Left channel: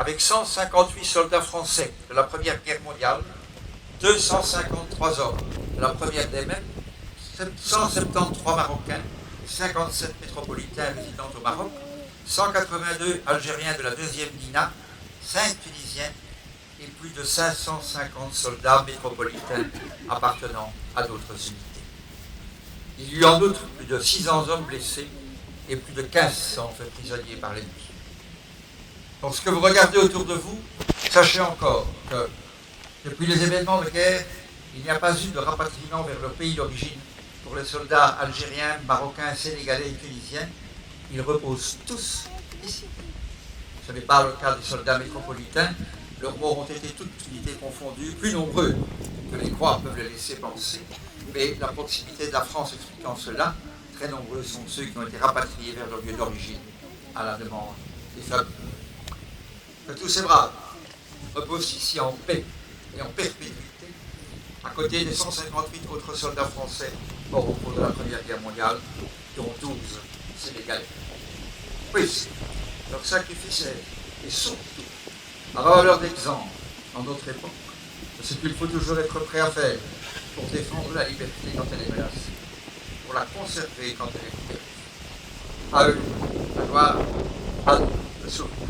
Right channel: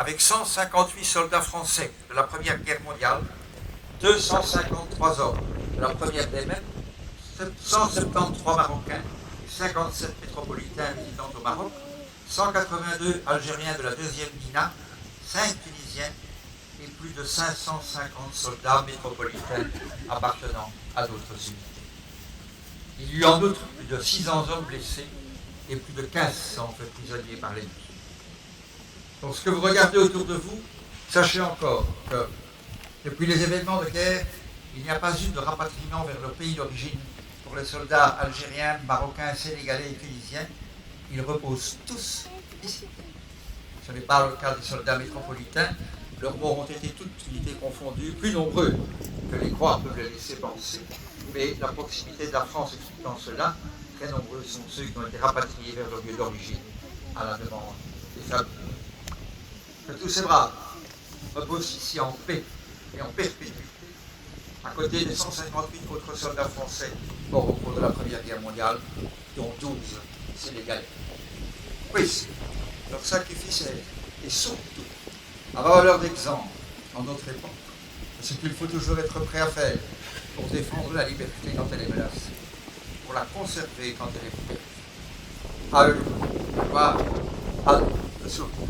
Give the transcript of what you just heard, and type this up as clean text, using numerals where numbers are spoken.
avec 158 soldats français de la Première Guerre mondiale, 253 hommes de la Première des Mers, 173 Marocains, 57 métropolitains résidant au Maroc, 182 Algériens de la deuxième DINA, 5 Tunisiens et plus de 550 soldats métropolitains appartenant à d'autres unités. Il y eut en outre plus de 600 hommes blessés et plus de 1500 prisonniers par l'ennemi. Lorsque vous regardez autour de vous, sachez encore que depuis les événements de guerre, il n'y a pas eu de rapatriement vers leur pays d'origine pour les soldats algériens, marocains, sénégalais et tunisiens. Ils reposent tous ici. Ce n'est pas le cas des soldats métropolitains. Leurs morts ont été toutes unités confondues, plus nombreux que les croix peuvent les laisser penser. Mais la proximité de la France expliquant cela, très nombreux sont ceux qui ont été rapatriés vers leur lieu d'origine à la demande des familles. Que tous ces braves reposent ici en paix et en perpétuité, à côté des 158 autres soldats français morts au cours de la Première Guerre mondiale, dont 12 Sénégalais. Oui, leur sacrifice est surtout à valeur d'exemple en notre époque de ce qu'il faut toujours être prêt à faire pour défendre la liberté quand elle est menacée, pour la conserver quand elle est perdue. À eux, la gloire, à nous, le souvenir.